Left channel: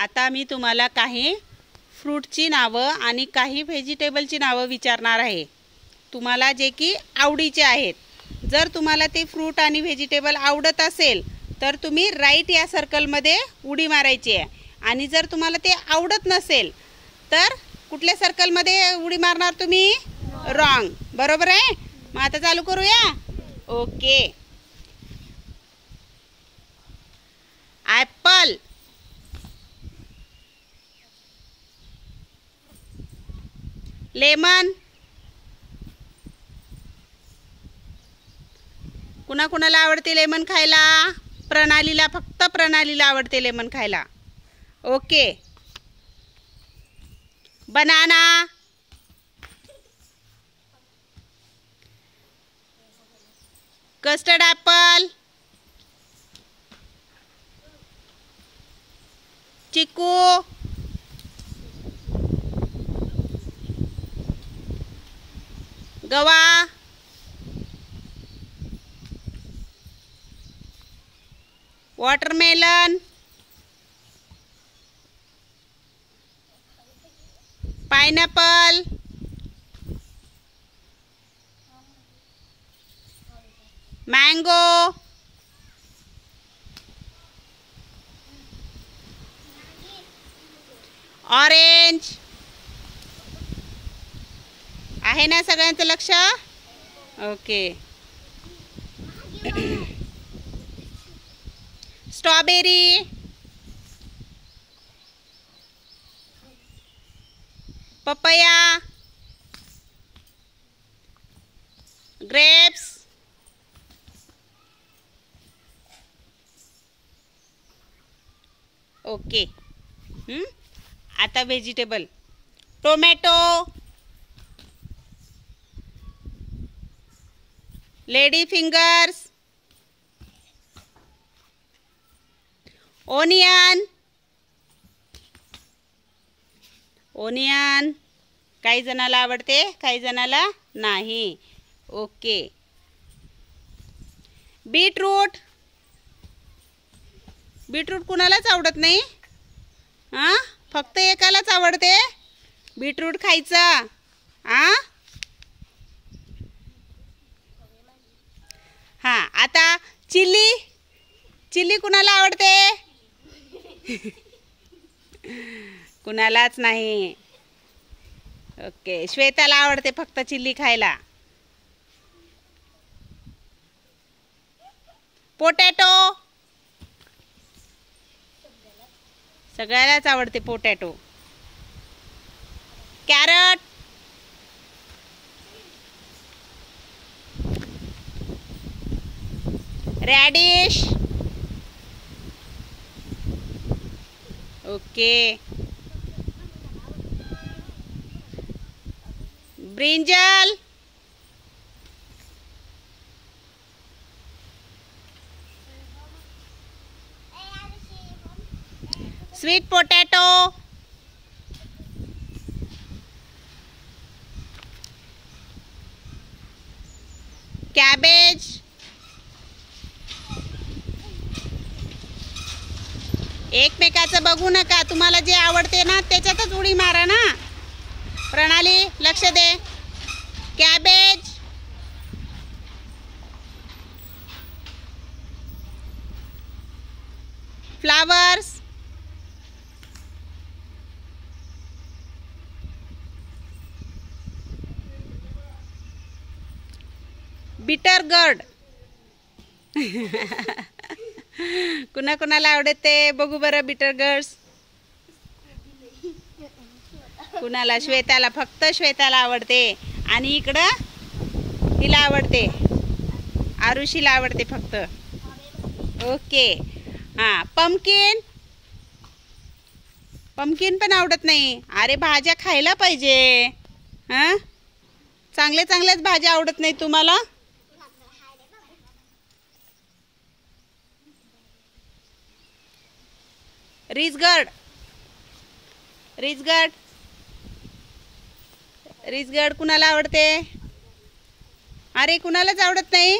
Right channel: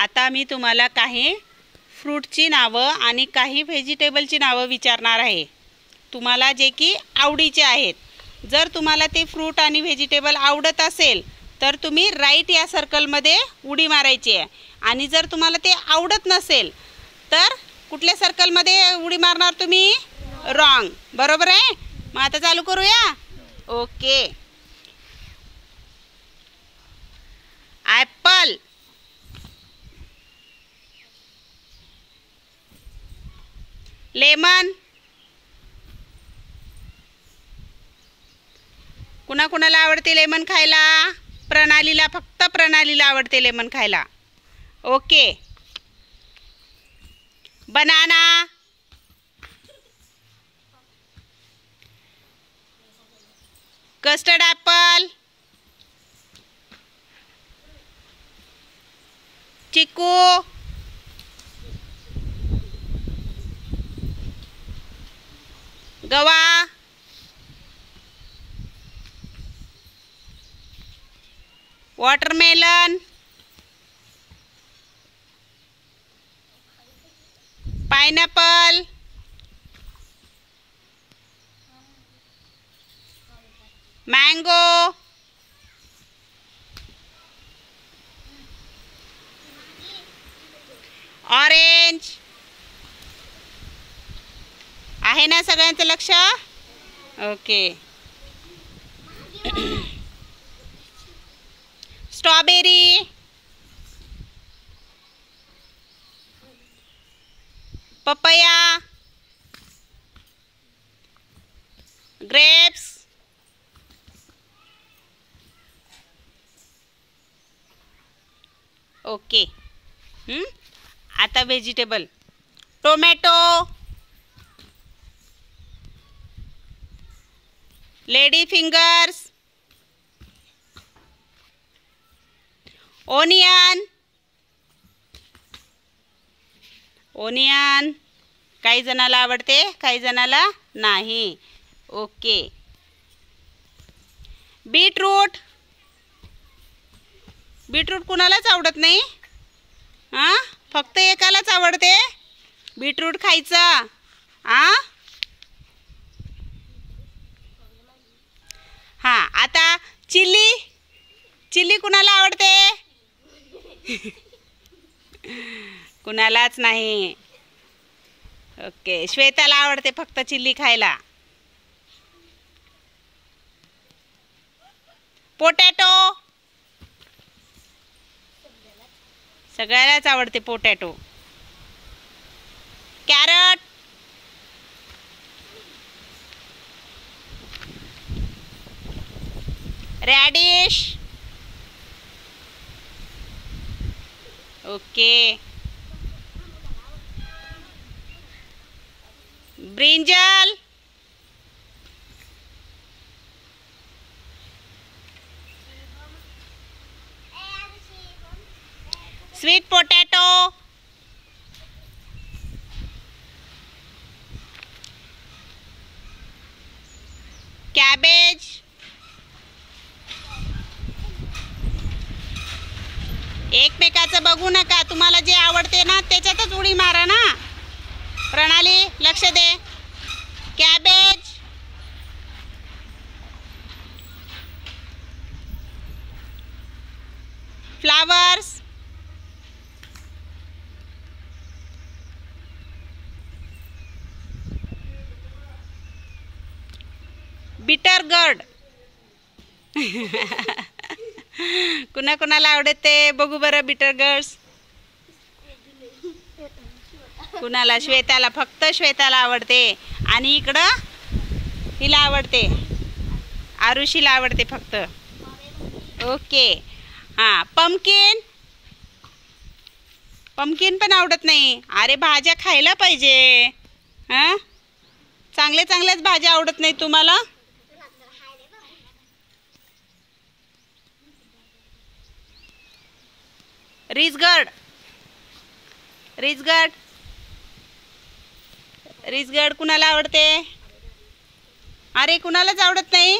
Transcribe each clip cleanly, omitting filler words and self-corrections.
आता मी तुम्हाला काही फ्रूटची नावं आणि काही व्हेजिटेबलची नावं विचारणार आहे, तुम्हाला जे की आवडीचे आहेत. जर तुम्हाला ते फ्रूट आणि व्हेजिटेबल आवडत असेल तर तुम्ही राईट या सर्कलमध्ये उडी मारायची आहे, आणि जर तुम्हाला ते आवडत नसेल तर कुठल्या सर्कलमध्ये उडी मारणार तुम्ही? रॉंग. बरोबर आहे. मग आता चालू करूया. ओके. ॲपल, लेमन, कुणाकुणाला आवडते लेमन खायला? प्रणालीला, फक्त प्रणालीला आवडते लेमन खायला. ओके. बनाना, कस्टर्ड ॲपल, चिकू, गवा, वाटरमेलन, पाइनएप्पल, मैंगो, ऑरेंज. आहे ना सगळ्यांचं लक्ष? Okay. Strawberry, papaya, grapes, okay. आता vegetable, tomato, lady fingers, onion, onion काही जणाला आवडते, काही जणाला नाही. ओके. बीटरूट, बीटरूट कुणालाच आवडत नाही, हां, फक्त एकालाच आवडते बीटरूट खायचं. हां हां. आता चिली, चिली कुणाला आवडते? कुणालाच नाही. ओके. श्वेताला आवडते फक्त चिल्ली खायला. पोटॅटो, सगळ्यालाच आवडते potato. Carrot, radish, okay. Brinjal, sweet potato, cabbage, एकमेकाचं बघू नका, तुम्हाला जे आवडते ना त्याच्यातच उडी मारा ना. प्रणाली लक्ष दे. कॅबेज, फ्लावर्स, बिटर गर्ड. कुणाकुणाला आवडते बघू बरं बिटर गर्ड्स? कुणाला? श्वेताला, फक्त श्वेताला आवडते. आणि इकडं तिला आवडते, आरुषीला आवडते फक्त. ओके. हां. पंपकिन, पंपकिन पण आवडत नाही. अरे भाज्या खायला पाहिजे. हां, चांगले चांगल्याच भाज्या आवडत नाही तुम्हाला. रिजगर्ड, रिजगर्ड, रिजगर्ड कुणाला आवडते? अरे कुणालाच आवडत नाही,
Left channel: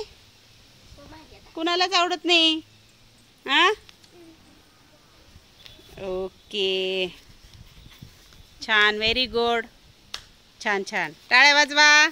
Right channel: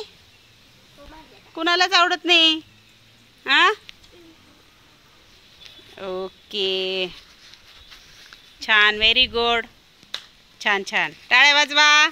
कुणालाच आवडत नाही. हां, ओके. ओके, छान, व्हेरी गुड, छान छान, टाळ्या वाजवा.